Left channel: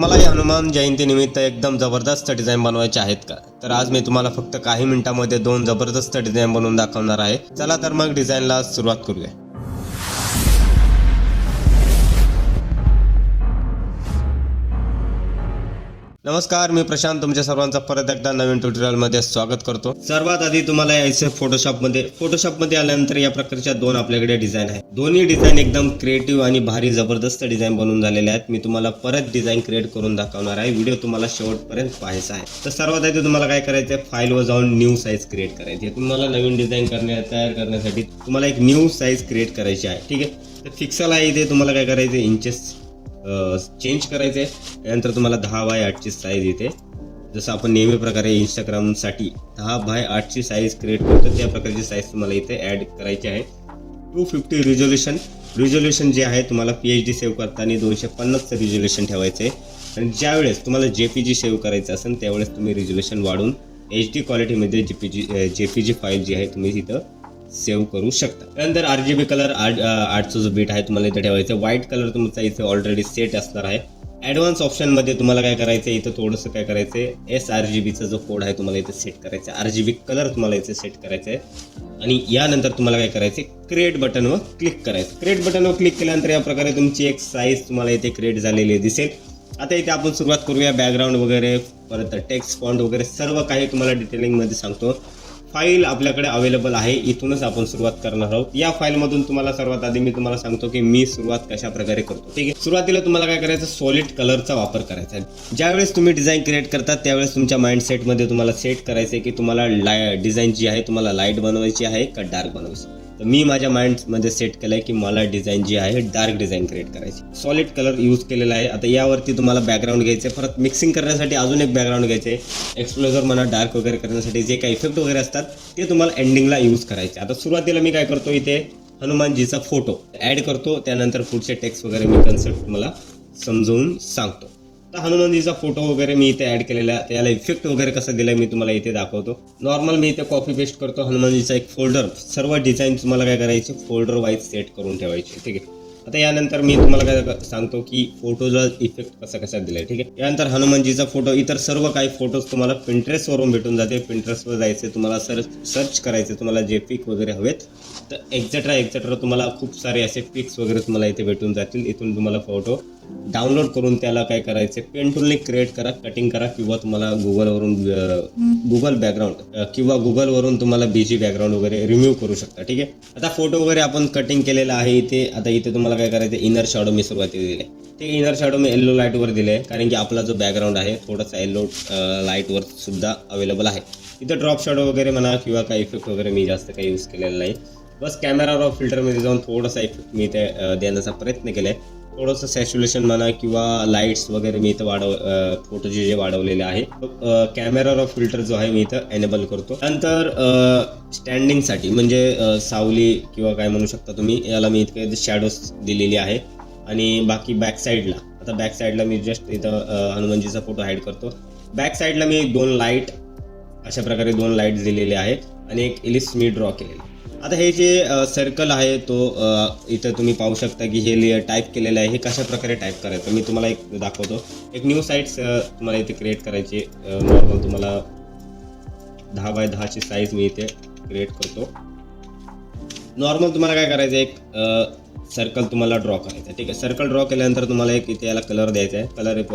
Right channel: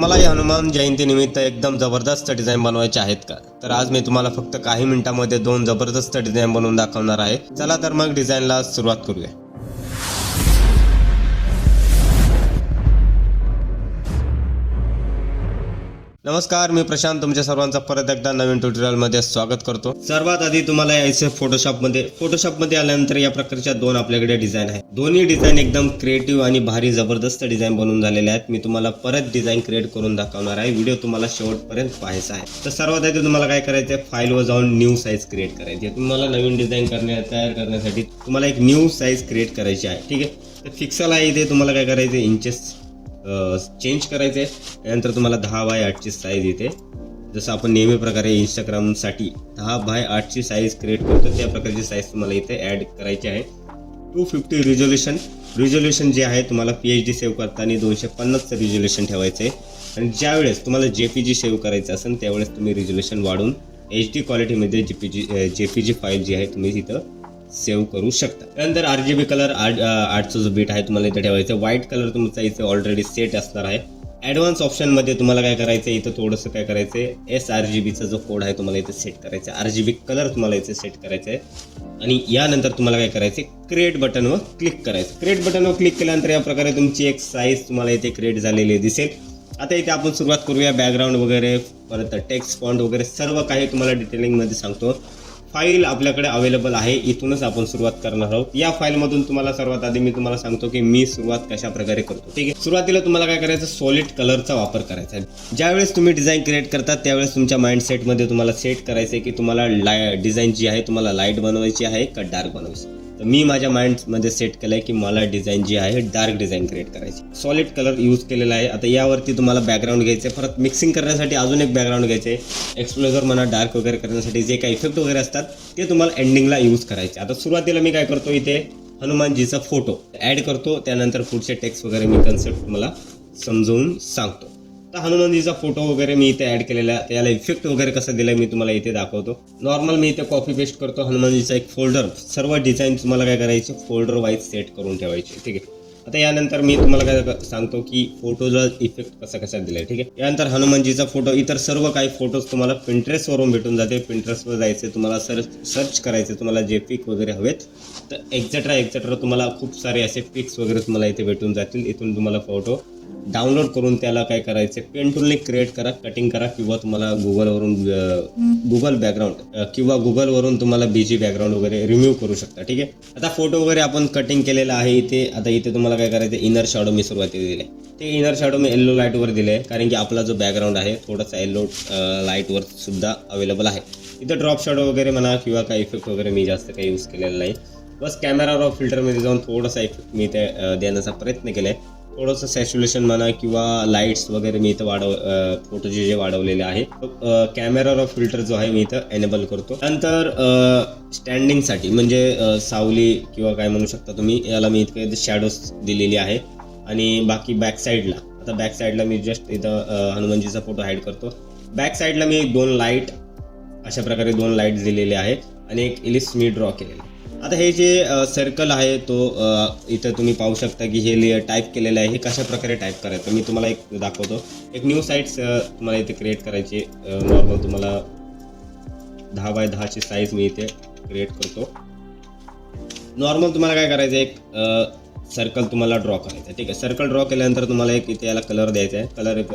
तुम्हाला या हनुमान जयंतीनिमित्त एकदम जबरदस्त डिझाईन बनवायचे आहेत का? तर आज मी तुम्हाला फक्त काही मिनिटांमध्ये 2 जबरदस्त डिझाईन बनवून दाखवणार आहे. चला तर मग डिझाईनला सुरुवात करूया. नमस्कार, मी प्रशांत तुमच्या सर्वांचं परत एकदा नवीन ट्युटोरियलमध्ये स्वागत करतो. सर्वात आधी तुम्हाला यायचं फोटोशॉपमध्ये आल्यानंतर या प्रकारच्या 2 आपल्याकडे डिझाईन आहेत. दोन्ही डिझाईन एकदम क्रिएटिव्ह आणि भारी जबरदस्त डिझाईन बनवून झालेले आहेत. मी तुम्हाला परत डिझाईन क्रिएट करून दाखवणार आहे. व्हिडिओ तुम्हाला शेवटपर्यंत पाहायचा आहे. तर सर्वात आधी तुम्हाला काय करायचं आहे, फाईलवर जाऊन न्यू साईज क्रिएट करायची आहे. तुम्हाला नवीन डिझाईन तयार करण्यासाठी तुम्हाला एक न्यू साईज क्रिएट करायची आहे. ठीक आहे, तर फिक्सल आहे इथे तुम्हाला काय करायचं, इंचेस चेंज करायचे. त्यानंतर तुम्हाला 10x8 ची साईज येते. जसं आपण नेहमी प्रकारे इंस्टाग्रामसाठी 10x8 ची साईज क्रिएट करतो त्या प्रकारची साईज तुम्हाला इथे ऍड करायची आहे. 250 रिझोल्युशन जे आहे तुम्हाला PHD सेव्ह करताना 250 रिझोल्युशन ठेवायचे. आणि ज्यावेळेस तुम्हाला JPG सेव्ह करायचं असेल त्यावेळेस तुम्ही रिझोल्युशन वाढवून HD क्वालिटीमध्ये JPG फाईल जी आहे तुम्ही तिथं सेव्ह करू शकता. त्यानंतर RGB कलर 8चा जो बीट आहे तुम्हाला इथे ठेवायचा. व्हाईट कलर तुमचा इथे ऑलरेडी सेट असणार आहे. ऍडव्हान्स ऑप्शन मध्ये तुम्हाला काय करायचं, इथे थोडंसं काय करायचंय, sRGBचा जो कोड आहे तुम्हाला इथे सेट करायचा. RGB कलर तुम्हाला इथे सेट करायचा आहे. आणि यानंतर तुम्हाला काय करायचं, क्रिएट बटनवर क्लिक करायचं. क्रिएट बटनवर क्लिक केल्यानंतर या प्रकारे तुमची एक साईज तुम्हाला इथे क्रिएट झालेली दिसेल. आता इथे आपण सुरुवात करूया. बॅकग्राऊंड वगैरे, परत टेक्स्ट फॉन्ट वगैरे सर्व काही तुम्हाला डिटेलिंग मध्ये सांगतो. फाईल आपल्याकडे अवेलेबल आहे, इथूनच आपण सुरुवात करणार आहोत. या फाईल मधून तुम्हाला सर्वात आधी मी तुम्हाला सांगतो की मी सुरुवात कशा प्रकारे करतो. ठीक आहे, सुरुवातीला तुम्हाला काय करायचं, सॉलिड कलरचा वापर करायचा आहे. ज्यावेळेस तुम्ही डिझाईन क्रिएट करता त्यावेळेस तुमच्या माइंडसेट मध्ये तुम्हाला सेट करायचं आहे की तुम्हाला डिझाईन जी आहे तुम्हाला लाईट बनवायची आहे का डार्क बनवायची. तर मी माझ्या माइंड मध्ये सेट केलंय की मला डिझाईन जी आहे डार्क डिझाईन क्रिएट करायची. सॉलिड कलर यूज केलेला आहे. आता यावरती तुम्हाला बॅकग्राऊंड घ्यायचं, परत मिक्सिंग करण्यासाठी अजून एक बॅकग्राऊंड घ्यायचे. एक्सप्लोजर म्हणा, डार्क वगैरे करण्यासाठी जे काही इफेक्ट वगैरे असतात ते तुम्हाला एंडिंगला यूज करायचे. आता सुरुवातीला मी काय करतो, इथे हनुमानजीचा फोटो ऍड करतो. त्यानंतर पुढचे टेक्स्ट वगैरे मी कन्सेप्ट मला समजवून सांगतो. तर हनुमानजीचा फोटो वगैरे मी इथे ऍड केलेला आहे. त्याला इफेक्ट वगैरे कसं दिलं मी तुम्हाला इथे दाखवतो. नॉर्मल मी इथे कॉपी पेस्ट करतो. हनुमानजीचा एक फोल्डर, सर्व डिझाईन तुम्हाला काय करायचे, फोल्डर वाईज सेट करून ठेवायचे. ठीक आहे, आता यानंतर मी तुम्हाला काय सांगतो की फोटोला इफेक्ट कसा दिलाय. ठीक आहे, यानंतर हनुमानजीचा फोटो, इतर सर्व काही फोटोज तुम्हाला Pinterest वरून भेटून जाते. Pinterest वर जायचे, तुम्हाला सर्च करायचे, तुम्हाला जे पिक वगैरे हवेत तर एक्सेट्रा तुम्हाला खूप सारे असे पिक्स वगैरे तुम्हाला इथे भेटून जातील. इथून तुम्हाला फोटो डाउनलोड करून त्याला काय करायचे, पेन टूलने क्रिएट करा, कटिंग करा, किंवा तुम्हाला गुगल बॅकग्राऊंड किंवा गुगलवरून तुम्हाला BG बॅकग्राऊंड वगैरे रिमूव्ह करू शकता. ठीक आहे, आता फोटो वगैरे आपण कटिंग केलेला आहे इथे. आता इथे तुम्हाला काय करायचं, इनर शॅडो मी सुरुवातीला दिले. ते इनर शॅडो मी येलो लाईटवर दिले कारण की आपला जो बॅकग्राऊंड आहे थोडासा येलो लाईटवर सुद्धा अवेलेबल आहे. इथं ड्रॉप शॅडो वगैरे म्हणा किंवा काही इफेक्ट वगैरे मी जास्त काही यूज केलेला नाही. बस कॅमेरा रॉ फिल्टरमध्ये जाऊन थोडंसं इफेक्ट मी इथे देण्याचा प्रयत्न केलाय. थोडंसं सॅच्युरेशन म्हणा किंवा लाईट्स वगैरे मी इथं फोटोचे जे वाढवलेले आहे. कॅमेरा रॉ फिल्टर जो आहे मी इथं एनेबल करतो. नंतर स्टँडिंगसाठी म्हणजे सावली किंवा काय म्हणू शकता तुम्ही, याला मी इथे शॅडोज दिलेली आहे. आणि बाकी बॅक साईडला मी जस्ट इथं हनुमानजीचा फोटो ऍड करतो. बॅक साईडला मी 2 लाईट अशा प्रकारे 2 लाईट दिलेले आहेत आणि एक इलिप्स मी ड्रॉ केलेली. आता हे जे सर्कल आहे तो इथे तुम्ही पाहू शकता की हे टाईप केलेलं आहे. हे कशा प्रकारे टाईप करायचं मी तुम्हाला एक दाखवतो. एक न्यू साईट्स तुम्हाला इथे क्रिएट करायची. तुम्हाला 10x10 ची साईज मी इथे क्रिएट करतो. नॉर्मल तुम्हाला काय करायचं, एक सर्कल तुम्हाला ड्रॉ करायचा. ठीक आहे, सर्कल ड्रॉ केल्यानंतर तुम्हाला एक इथे याला कलर द्यायचा आहे. कलर एक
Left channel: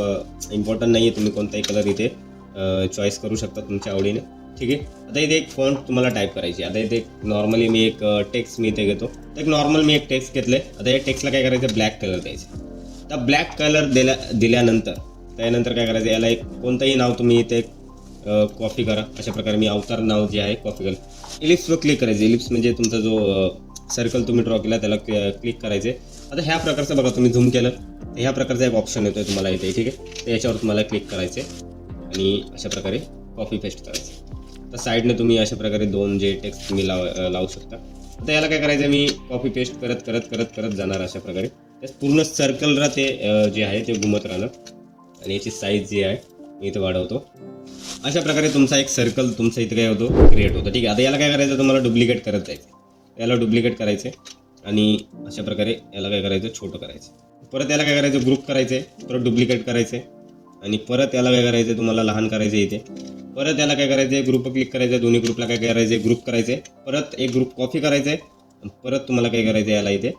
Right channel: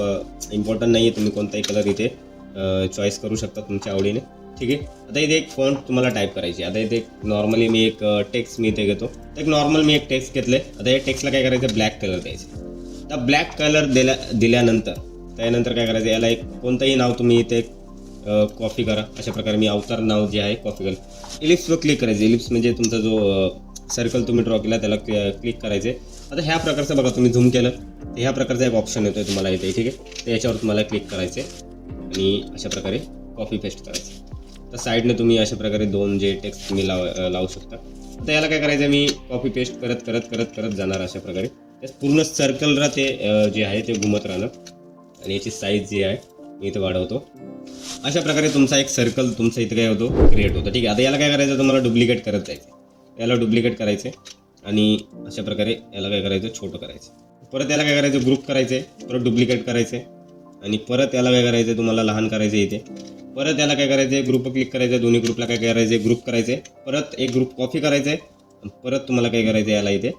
इम्पॉर्टंट नाही आहे, तुम्ही कोणताही कलर इथे चॉईस करू शकता तुमच्या आवडीने. ठीक आहे, आता इथे एक फॉन्ट तुम्हाला टाईप करायची. आता इथे नॉर्मली मी एक टेक्स्ट मी इथे घेतो. एक नॉर्मल मी एक टेक्स्ट घेतले. आता या टेक्स्टला काय करायचं, ब्लॅक कलर द्यायचा. आता ब्लॅक कलर दिल्यानंतर त्यानंतर काय करायचं, याला एक कोणतंही नाव तुम्ही इथे कॉपी करा. अशा प्रकारे मी अवतार नाव जे आहे कॉपी करा. इलिप्सवर क्लिक करायचं. इलिप्स म्हणजे तुमचा जो सर्कल तुम्ही ड्रॉ केला त्याला क्लिक करायचे. आता ह्या प्रकारचं बघा, तुम्ही झूम केलं ह्या प्रकारचा एक ऑप्शन येतो तुम्हाला इथे. ठीक आहे, याच्यावर तुम्हाला क्लिक करायचे आणि अशा प्रकारे कॉपी पेस्ट करायचं. तर साईडने तुम्ही अशा प्रकारे 2 जे टेक्स्ट तुम्ही लावू शकता. आता याला काय करायचं, मी कॉपी पेस्ट करत जाणार अशा प्रकारे. पूर्ण सर्कल ते जे आहे ते घुमत राहणार आणि याची साईज जी आहे मी इथे वाढवतो. अशा प्रकारे तुमचा एक सर्कल तुमचा इथे काय होतो, क्रिएट होतो. ठीक आहे, आता याला काय करायचं, तुम्हाला डुप्लिकेट करत जायचं. याला डुप्लिकेट करायचे आणि अशा प्रकारे याला काय करायचं, छोटं करायचं. परत याला काय करायचं, ग्रुप करायचे, परत डुप्लिकेट करायचे आणि परत याला काय करायचं, तुम्हाला लहान करायचं इथे. परत याला काय करायचं, ग्रुप क्लिक करायचं, दोन्ही ग्रुपला काय करायचं, ग्रुप करायचे. परत एक ग्रुप कॉपी करायचंय, परत तुम्हाला काय करायचं, याला इथे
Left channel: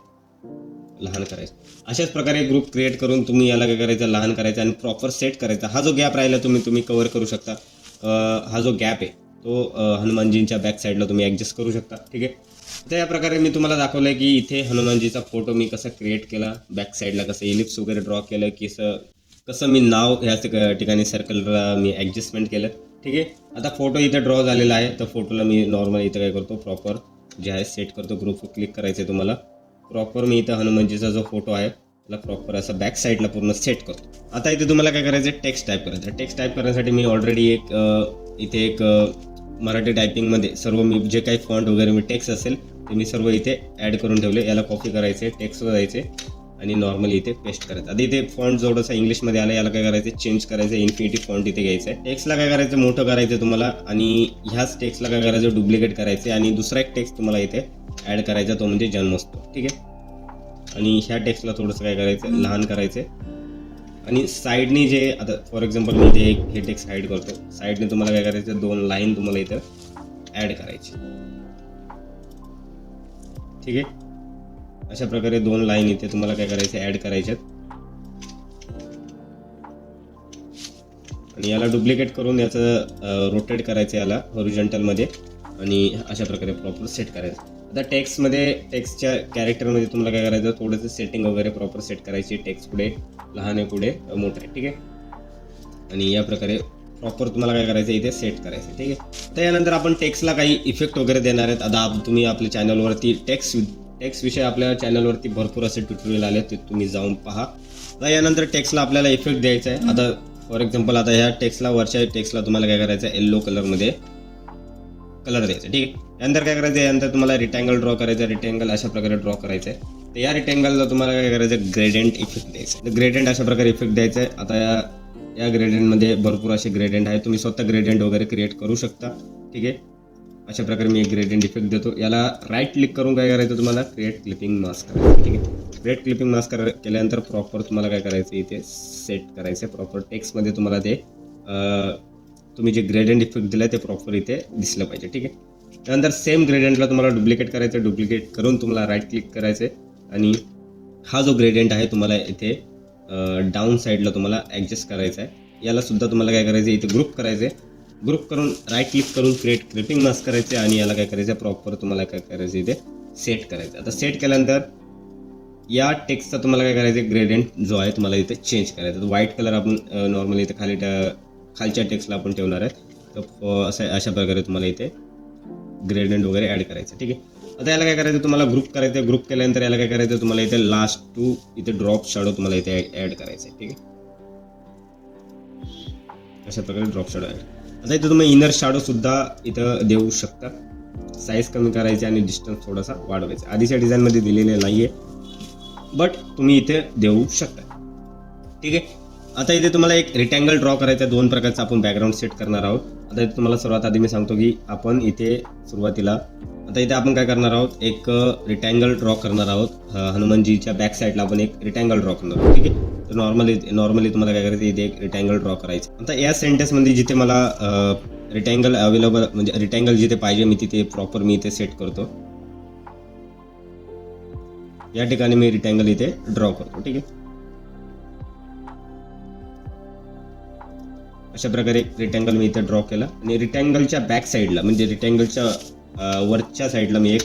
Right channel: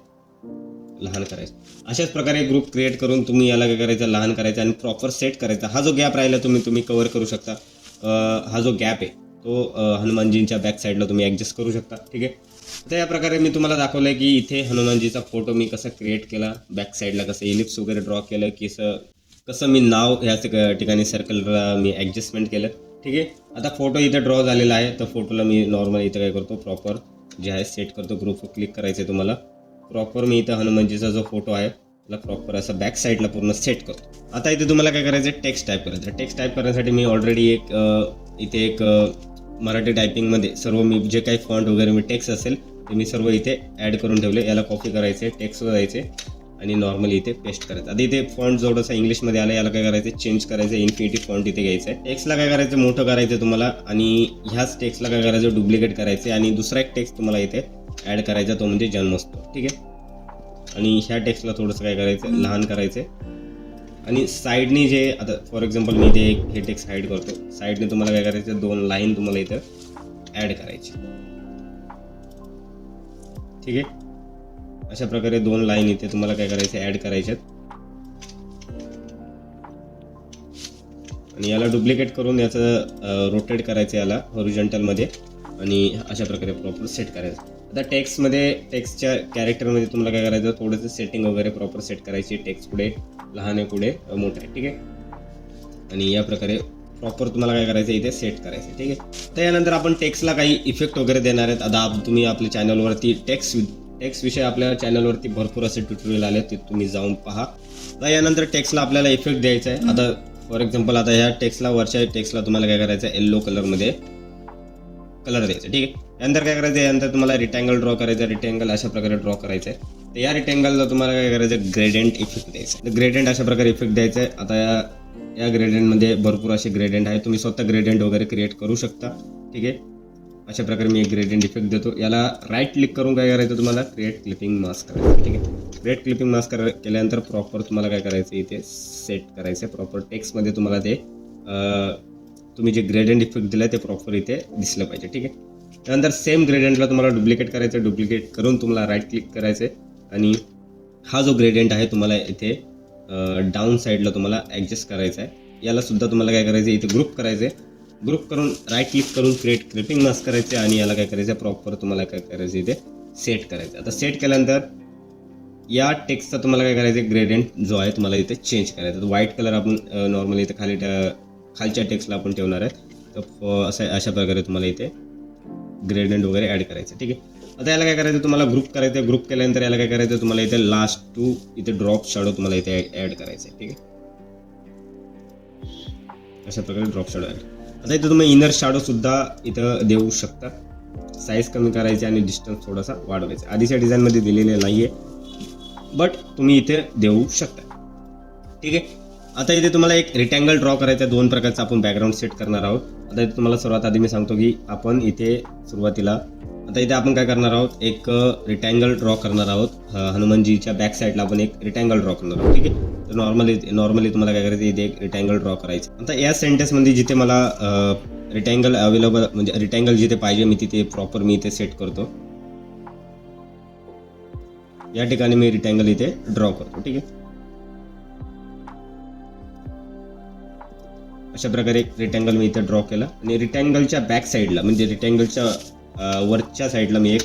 लहान करायचं. अशाच प्रकारे ग्रुप क्रिएट करून तुम्ही याला काय करायचं, लहान करायचं आणि प्रॉपर सेट करायचा. हा जो गॅप राहिला तुम्ही कव्हर करू शकता. हा जो गॅप आहे तो हनुमानजींच्या बॅक साईडला तुम्ही ऍडजस्ट करू शकता. ठीक आहे. तर या प्रकारे मी तुम्हाला दाखवलंय की इथे हनुमानजीचा फोटो मी कसं क्रिएट केला, बॅक साईडला कसं इलिप्स वगैरे ड्रॉ केलं, की कसं मी नाव या ठिकाणी सर्कलला मी ऍडजस्टमेंट केलं. ठीक आहे. आता फोटो इथे ड्रॉ झालेला आहे, तर फोटोला मी नॉर्मल इथे काय करतो, प्रॉपर जे आहे सेट करतो. ग्रुप क्लिक करायचं तुम्हाला. प्रॉपर मी इथे हनुमानजीचा जो फोटो आहे त्याला प्रॉपर असं बॅक साईडला पूर्ण सेट करतो. आता इथे तुम्हाला काय करायचं, टेक्स्ट टाईप करायचं. टेक्स्ट टाईप करण्यासाठी मी ऑलरेडी इथे एक मराठी टायपिंगमध्ये सर्व मी जे काही फॉन्ट वगैरे मी टेक्स्ट असेल ते मी सर्व इथे ऍड करून ठेवले. याला कॉपी करायचे, टेक्स्टवर जायचे आणि नॉर्मली इथे पेस्ट करायचं. आधी इथे फॉन्ट थोडंसं इंग्लिशमध्ये आलं, याला काय करायचं, चेंज करायचं, इन्फिनिटी फॉन्ट इथे घ्यायचं. टेक्स्टला काय करायचं, मोठं करायचं तुम्हाला आणि ह्याच टेक्स्टला काय करायचं, डुप्लिकेट करायचे आणि दुसरा एक टेक्स्ट तुम्हाला इथे ऍड करायचा, तो म्हणजे जन्मस्थळ. ठीक आहे. आणि ह्या टेक्स्टला थोडंसं काय करायचं, लहान करायचं आणि साईडने जे आता फॉर एक्झाम्पल मी इथे हे टेक्स्ट हाईड करतो, साईडने तुम्हाला काय करायचं, 2 लाईन तुम्हाला इथं ऍड करायची. ठीक आहे. अशा प्रकारे 2 लाईन इथे तुम्हाला काय करायचं, ऍड करायच्यात आणि याला डुप्लिकेट करून याचं रोटेट करायचं, याला हॉरिझॉन्टल मध्ये आणि अशा प्रकारे प्रॉपर सेट करायचं. आता टेक्स्टच्या कॅरेक्टरमध्ये तुम्हाला काय करायचं, थोडंसं सेटिंग वगैरे प्रॉपर सेट करायची. टेक्स्ट पुढे लहान आहे, पुढे मोठे. ठीक आहे. आणि या प्रकारे प्रॉपर तुम्हाला काय करायचं, इथे सेट करायचं. ठीक आहे. त्यानंतर आपण टेक्स्टला काही इफेक्ट वगैरे देणार आहेत. आता तुम्ही आपल्या चॅनलवरती टेक्स्ट विषयी आपल्या चॅनलवरती भरपूर असे ट्युटोरियल आले, ते तुम्ही जाऊन पहा. यानंतर टेक्स्टला आपल्याला इफेक्ट द्यायचा आहे. आता फॉर एक्झाम्पल आता ह्या टेक्स्टला, वरच्या टेक्स्टला तुम्हाला काय करायचं, येलो कलरमध्ये कलर द्यायचा. ठीक आहे. नंतर काय करायचं, यानंतर तुम्हाला रिटँगल ड्रॉ करायचा. रिटँगल अशा प्रकारे ड्रॉ करायचं आहे. तर या रिटँगलला तुम्हाला काय करायचं, ग्रेडियंट इफेक्ट द्यायचा. तर ग्रेडियंट अशा प्रकारे इफेक्ट द्यायचा आहे. आता या ग्रेडियंटमध्ये भरपूर असे ग्रेडियंट आहे, तुम्ही स्वतः ग्रेडियंट वगैरे क्रिएट करू शकता. ठीक आहे. अशा प्रकारे मी एक ग्रेडियंट इफेक्ट देतो. याला राईट क्लिक करून काय करायचं, तुम्हाला क्रिएट क्लिपिंग मास्क करायचं. ठीक आहे. क्रिएट क्लिपिंग मास्क केल्यानंतर प्रॉपर तुम्हाला काय करायचं, इथे सेट करायचं. प्रॉपर टेक्स्टमध्ये तुम्हाला ते तुम्ही जे ग्रेडियंट इफेक्ट दिलाय ते प्रॉपर इथे दिसलं पाहिजे. ठीक आहे. त्यानंतर सेम ग्रेडियंटला तुम्हाला डुप्लिकेट करायचं. डुप्लिकेट करून तुम्हाला राईट क्लिक करायचे आणि हा जो ग्रेडियंट आहे तुम्हाला इथे डाऊन साईडला तुम्हाला ऍडजस्ट करायचा. याला सुद्धा तुम्हाला काय करायचं, इथे ग्रुप करायचे. ग्रुप करून राईट क्लिक करून क्रिएट क्लिपिंग मास्क करायचे आणि याला काय करायचं, प्रॉपर तुम्हाला काय करायचं, इथे सेट करायचं. आता सेट केल्यानंतर या टेक्स्टचा तुम्हाला काय करायचं, ग्रेडियंट जो आहे तुम्हाला इथे चेंज करायचा. तो व्हाईट कलर आपण नॉर्मली इथे खालच्या टेक्स्टला आपण ठेवणार आहोत. अशा प्रकारे तुम्हाला इथे ग्रेडियंट वगैरे ऍड करायचं. ठीक आहे. आता याला काय करायचं, तुम्हाला ग्रुप करायचं. ग्रुप केल्यानंतर याला काय करायचं, तुम्हाला इथे लास्ट टू इथे ड्रॉप शॅडो तुम्हाला इथे ऍड करायचे. ठीक आहे. अशा प्रकारे ड्रॉप शॅडो ऍड. आता इथे तुम्ही इनर शॅडो सुद्धा इथं देऊ शकता. साईज कमी करायची आणि डिस्टन्स थोडासा वाढवायचा. आधीच्या डिझाईन मध्ये दिलेले नाहीये, बट तुम्ही इथे देऊ शकता. ठीक आहे. आता इथे तुम्हाला एक रेक्टँगल ड्रॉ करायचं. 2 प्रकारचा आपण बॅकग्राऊंड सेट करणार आहोत. आता तुम्हाला सर्वात आधी मी सांगतो की आपण इथे सुरुवातीला आता इथे आपण काय करणार आहोत, एक रेक्टँगल ड्रॉ करणार आहोत. हनुमानजीच्या बॅक साईडला आपण एक रेक्टँगल ड्रॉ करणार आहोत. ठीक आहे. तर नॉर्मली तुम्हाला काय करायचं, इथे एक रेक्टँगल ड्रॉ करायचं. आता या सेंटेन्स मध्ये जिथे मला रेक्टँगल अवेलेबल म्हणजे रेक्टँगल जिथे पाहिजे मी तिथे प्रॉपर मी इथे सेट करतो. या ठिकाणी मी रेक्टँगल इथे ड्रॉ करतो. ठीक आहे. अशा प्रकारे रेक्टँगल मी इथे ड्रॉ केला आणि रेक्टँगलच्या बॅक साईडला म्हणजे रेक्टँगलच्या वरच्या साईडला मी एक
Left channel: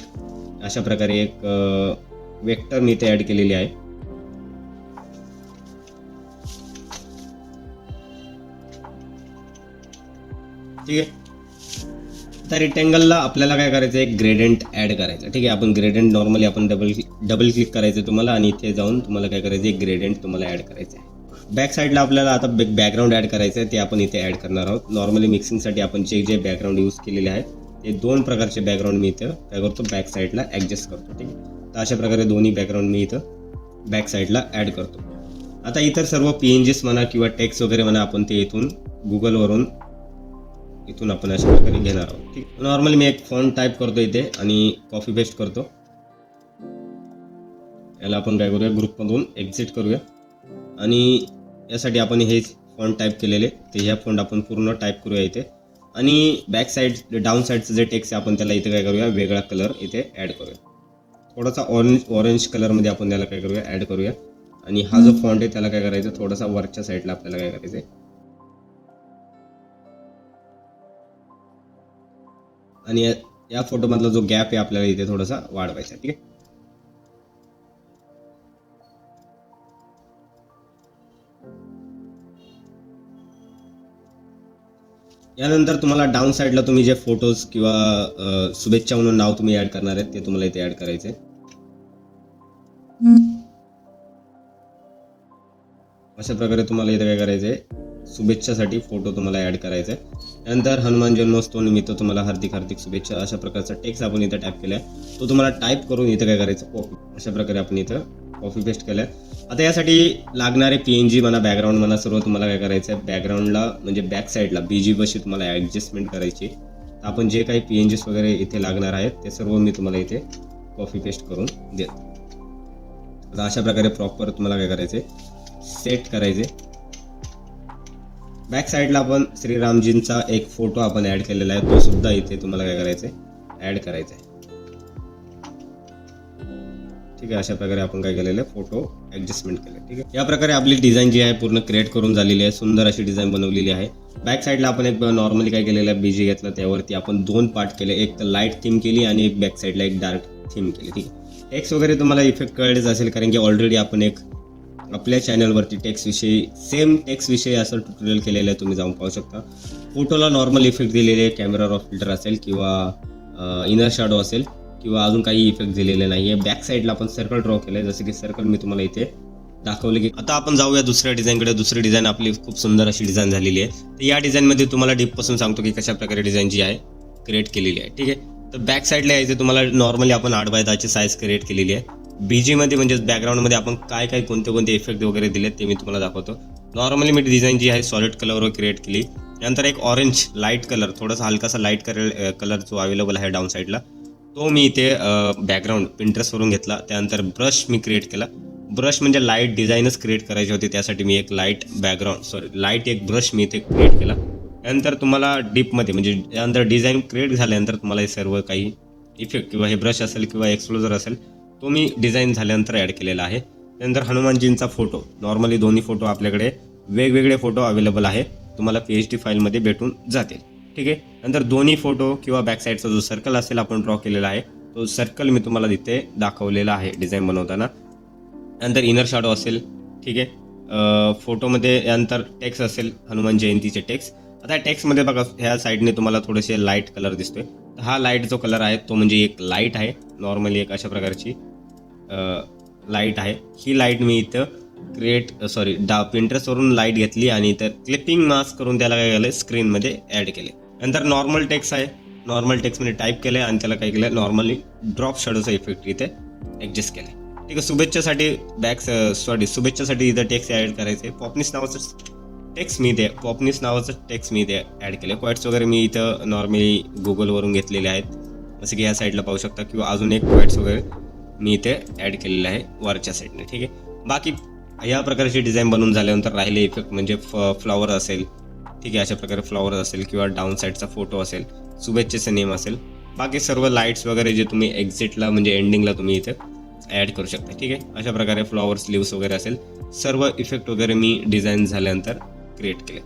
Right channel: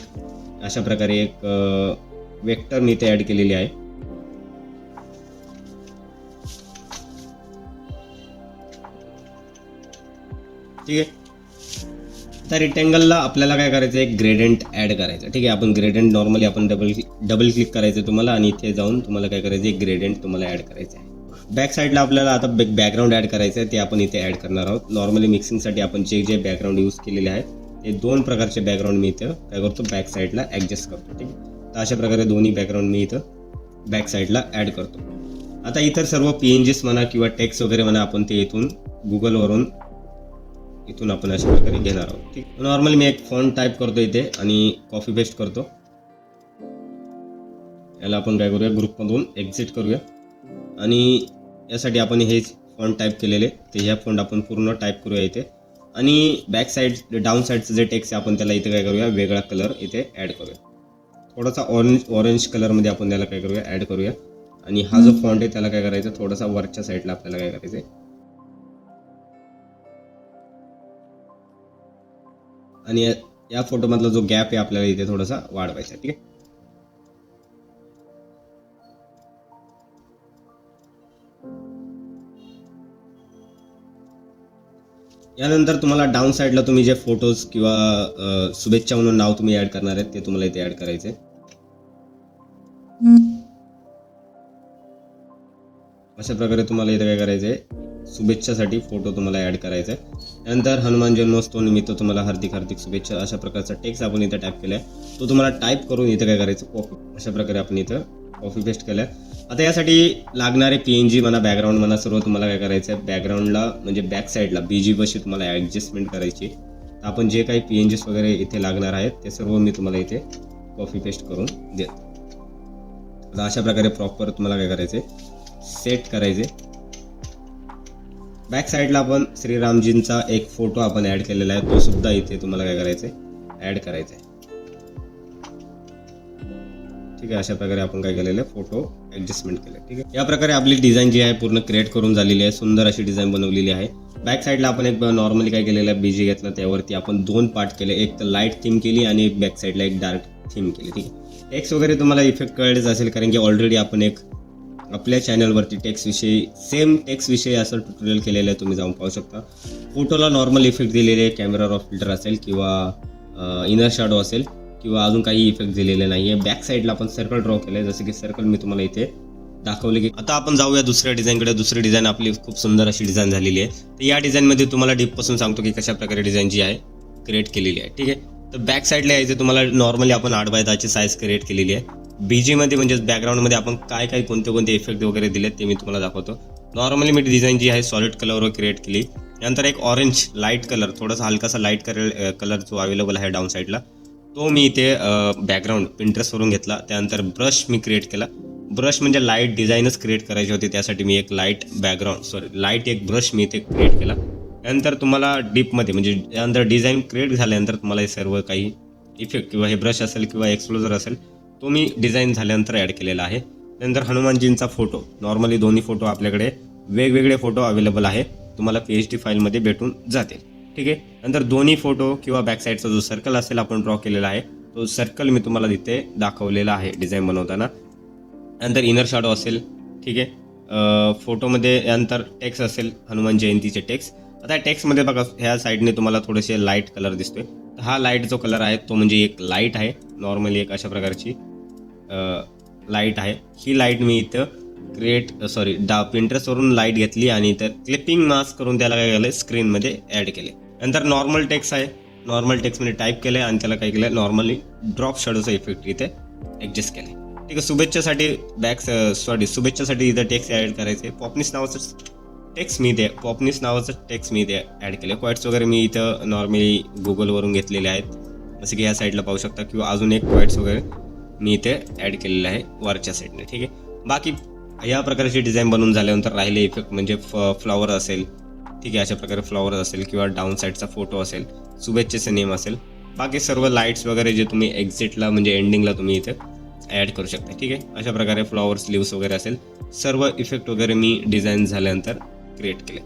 अशा प्रकारे एक वेक्टर मी इथे ऍड केलेली आहे. ठीक आहे. त्या रेक्टँगलला आपल्याला काय करायचं आहे, ग्रेडियंट ऍड करायचं. ठीक आहे. आपण ग्रेडियंट नॉर्मली आपण डबल क्लिक करायचं तुम्हाला आणि इथे जाऊन तुम्हाला काय करायचं आहे, ग्रेडियंट तुम्हाला ऍड करायचं आहे. बॅक साईडला आपल्याला आता बॅकग्राऊंड ऍड करायचं आहे, ते आपण इथे ऍड करणार आहोत. नॉर्मली मिक्सिंगसाठी आपण जे बॅकग्राऊंड यूज केलेले आहेत ते 2 प्रकारचे बॅकग्राऊंड मी इथे काय करतो, बॅक साईडला ऍडजस्ट करतो. ठीक आहे. तर अशा प्रकारे दोन्ही बॅकग्राऊंड मी इथं बॅक साईडला ऍड करतो. आता इतर सर्व PNGs म्हणा किंवा टेक्स्ट वगैरे म्हणा आपण ते इथून गुगलवरून इथून आपण अशा प्रकारे घेणार आहोत. नॉर्मली मी एक फॉन्ट टाईप करतो इथे आणि कॉपी पेस्ट करतो. याला आपण काय करूया, ग्रुपमधून एक्झिट करूया आणि यासाठी आपण हे फॉन्ट टाईप केलेले ते या फॉन्ट आपण पूर्ण टाईप करूया इथे. आणि बॅक साईड डाऊन साईडचं जे टेक्स्ट आहे आपण त्याला इथे काय करूया, वेगळा कलर इथे ऍड करूया. थोडासा ऑरेंज कलरमध्ये आपण त्याला काय करूया, ऍड करूया. आणि हा जो फॉन्ट आहे त्याला काय करायचं, थोडासा वरच्या साईडला आपल्याला काय करायचं, आणि या फोटो मधला जो गॅप आहे आपल्याला इथे थोडासा वाढवायचा. ठीक आहे. यानंतर तुम्हाला डाऊन साईडला तुम्ही जे फोटोज किंवा शुभेच्छा म्हणून नाव तुम्ही ऍड करणार आहेत ते तुम्हाला इथे ऍड करायचे. अशा प्रकारे तुम्हाला इथे काय करायचंय, शुभेच्छासाठी फोटो तुम्हाला ऍड करायचा. त्यानंतर हनुमान जन्मोत्सव निमित्त तुम्हाला हार्दिक हार्दिक शुभेच्छा अशा प्रकारचा टेक्स्ट आपण इथे टाईप केला. तो तुम्हाला टाईप करून इथे काय करायचं, कॉपी. अशा प्रकारे आपण इथं कॉपी पेस्ट केलं. आता यासाठी लागणारे PNG म्हणा, बॅकग्राऊंड म्हणा, सर्व तुम्हाला काय करायचं आहे, बॅकग्राऊंडला म्हणजे बॅक साईडला BG पाशी तुम्हाला ऍडजस्टमेंट करायची. आपण जे काही PNGs वगैरे इथे लागणार आहेत ते सर्व मी तुम्हाला इथे कॉपी पेस्ट करून देतो. आता अशा प्रकारे प्रॉपर तुम्हाला काय करायचे, सेट करायचे. बॅक साईडला आपण श्रीरामजींचा एक फोटो आपण ऍड केलेला आहे, तो सुद्धा इथे तुम्हाला काय करायचंय, ऍड करायचा आहे. ठीक आहे. अशा प्रकारे आपण काय केलेलं आहे, फोटो ऍडजस्टमेंट केलं. ठीक आहे. या प्रकारे आपली डिझाईन जी आहे पूर्ण क्रिएट करून झालेली आहे. सुंदर अशी डिझाईन बनवलेली आहे. बॅक साईडला आपण एक नॉर्मली काय केलेलं आहे, BG घेतलं, त्यावरती आपण 2 पार्ट केले, एक लाईट थीम केली आणि एक बॅक साईडला एक डार्क थीम केली. टेक्स्ट वगैरे तुम्हाला इफेक्ट कळलेच असेल, कारण की ऑलरेडी आपण एक आपल्या चॅनलवरती टेक्स्ट विषयी असं ट्युटोरियल केलेलं आहे, तुम्ही जाऊन पाहू शकता. फोटोला नॉर्मल इफेक्ट दिलेले, कॅमेरा रॉ फिल्टर असेल किंवा इनर शॅडो असेल किंवा अजून काही इफेक्ट दिलेले नाहीये. बॅक साईडला आपण सर्कल ड्रॉ केलंय, जसं की सर्कल मी तुम्हाला इथे दाखवले. की आता आपण जाऊया दुसऱ्या डिझाईनकडे. दुसरी डिझाईन आपली खूप सुंदर अशी डिझाईन झालेली आहे. या डिझाईनमध्ये तुम्हाला डीप पासून सांगतो की कशा प्रकारे डिझाईन जी आहे क्रिएट केलेली आहे. ठीक आहे. तर बॅक साईडला यायचं, तुम्हाला नॉर्मली आपण 8x10 साईज क्रिएट केलेली आहे. BG मध्ये म्हणजे बॅकग्राऊंडमध्ये आपण काय कोणते इफेक्ट वगैरे दिलेत ते मी तुम्हाला दाखवतो. नॉर्मली मी डिझाईन जी आहे सॉलिड कलरवर क्रिएट केली. नंतर एक ऑरेंज लाईट कलर, थोडासा हलकासा लाईट कलर जो अवेलेबल आहे डाऊन साईडला, तो मी इथे बॅकग्राऊंड पिंटरेस्टवरून घेतला. त्यानंतर ब्रश मी क्रिएट केला. ब्रश म्हणजे लाईट डिझाईनच क्रिएट करायची होती, त्यासाठी मी एक लाईट एक ब्रश मी इथे क्रिएट केला. त्यानंतर तुम्हाला डीपमध्ये म्हणजे त्यानंतर डिझाईन क्रिएट झाल्यानंतर तुम्हाला हे सर्व काही इफेक्ट किंवा हे ब्रश असेल किंवा एक्सप्लोजर असेल तो मी डिझाईन झाल्यानंतर ऍड केलेला आहे. त्यानंतर हनुमानजींचा फोटो, नॉर्मली दोन्ही फोटो आपल्याकडे वेगवेगळे फोटो अवेलेबल आहे, तुम्हाला PHD फाईलमध्ये भेटून जाते. ठीक आहे. नंतर दोन्ही फोटो किंवा बॅक साईडचा जो सर्कल असेल आपण ड्रॉ केलेला आहे, तो सर्कल मी तुम्हाला तिथे दाखवलेला आहे डिझाईन बनवताना. नंतर इनर शॅडो असेल. ठीक आहे. फोटोमध्ये यानंतर टेक्स्ट असेल, हनुमान जयंतीचे टेक्स्ट. आता टेक्स्टमध्ये बघा ह्या साईडने तुम्हाला थोडेसे लाईट कलर दिसतोय. हा लाईट जो कलर आहे तो म्हणजे एक लाईट आहे, नॉर्मली एक अशा प्रकारची लाईट आहे. ही लाईट मी इथं पिंटरेस्टवरून लाईट घेतली आणि इथं क्लिपिंग मास्क करून त्याला काय केलं, स्क्रीनमध्ये ऍड केले. नंतर नॉर्मल टेक्स्ट आहे, नॉर्मल टेक्स्टमध्ये टाईप केलंय आणि त्याला काय केलं, नॉर्मली ड्रॉप शॅडोचा इफेक्ट इथे ऍडजस्ट केला. ठीक आहे. शुभेच्छासाठी इथं टेक्स्ट ऍड करायचे. पॉपनिस नावाचं टेक्स्ट मी इथे ऍड केलं. क्वाइट्स वगैरे मी इथं नॉर्मली गुगलवरून घेतलेले आहेत, जसं की या साईडला पाहू शकता, किंवा अजून एक क्वाइट्स वगैरे मी इथे ऍड केलेलं आहे वरच्या साईडने. ठीक आहे. बाकी या प्रकारची डिझाईन बनवून झाल्यानंतर राहिले इफेक्ट म्हणजे फ्लॉवर असेल. ठीक आहे. अशा प्रकारे फ्लॉवर असेल किंवा डाऊन साईडचा फोटो असेल, शुभेच्छेचं नेम असेल, बाकी सर्व लाईट्स वगैरे जे तुम्ही एक्झिटला म्हणजे एंडिंगला तुम्ही इथे ऍड करू शकता. ठीक आहे. अशा प्रकारे फ्लॉवर स्लीव्स वगैरे असेल, सर्व इफेक्ट वगैरे मी डिझाईन झाल्यानंतर क्रिएट केलं.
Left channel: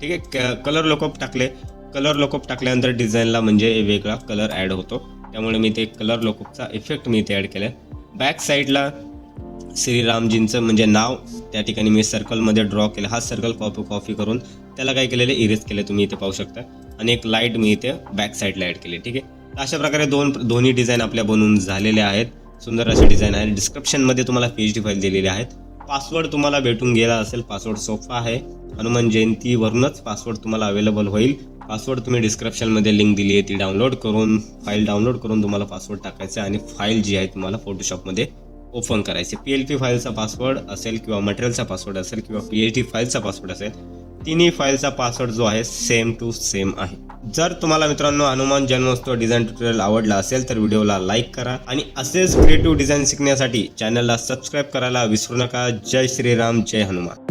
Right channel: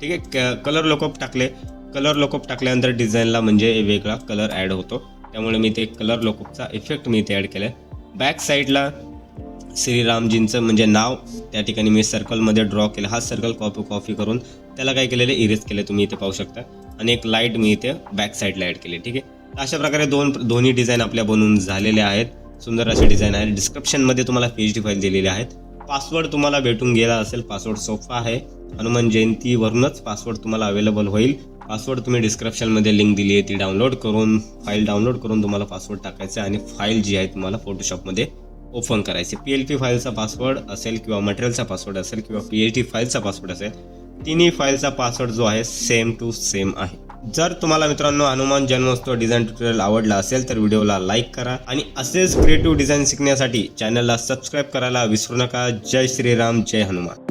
ठीक आहे. कलर लॉकअप टाकल्यानंतर डिझाईनला म्हणजे वेगळा कलर ऍड होतो, त्यामुळे मी ते कलर लॉकअपचा इफेक्ट मी इथे ऍड केला. बॅक साईडला श्रीरामजींचं म्हणजे नाव त्या ठिकाणी मी सर्कलमध्ये ड्रॉ केलं. हा सर्कल कॉपी करून त्याला काय केलेलं, इरेज केलं, तुम्ही इथे पाहू शकता. आणि एक लाईट मी इथे बॅक साईडला ऍड केली. ठीक आहे. अशा प्रकारे दोन्ही डिझाईन आपल्या बनवून झालेल्या आहेत. सुंदर असे डिझाईन आहे. डिस्क्रिप्शनमध्ये तुम्हाला PHD फाईल दिलेले आहेत. पासवर्ड तुम्हाला भेटून गेला असेल, पासवर्ड सोपा आहे. हनुमान जयंतीवरूनच पासवर्ड तुम्हाला अवेलेबल होईल. पासवर्ड तुम्ही डिस्क्रिप्शनमध्ये लिंक दिली आहे, ती फाईल डाउनलोड करून तुम्हाला पासवर्ड टाकायचा आणि फाईल जी आहे तुम्हाला फोटोशॉपमध्ये ओपन करायचे. PLP फाईलचा पासवर्ड असेल किंवा मटेरियलचा पासवर्ड असेल किंवा PHD फाईलचा पासवर्ड असेल, तिन्ही फाईलचा पासवर्ड जो आहे सेम टू सेम आहे. जर तुम्हाला मित्रांनो हनुमान जन्मोत्सव डिझाईन ट्युटोरियल आवडला असेल तर व्हिडिओला लाईक करा आणि असेच क्रिएटिव्ह डिझाईन शिकण्यासाठी चॅनलला सबस्क्राईब करायला विसरू नका. जय श्रीराम, जय हनुमान.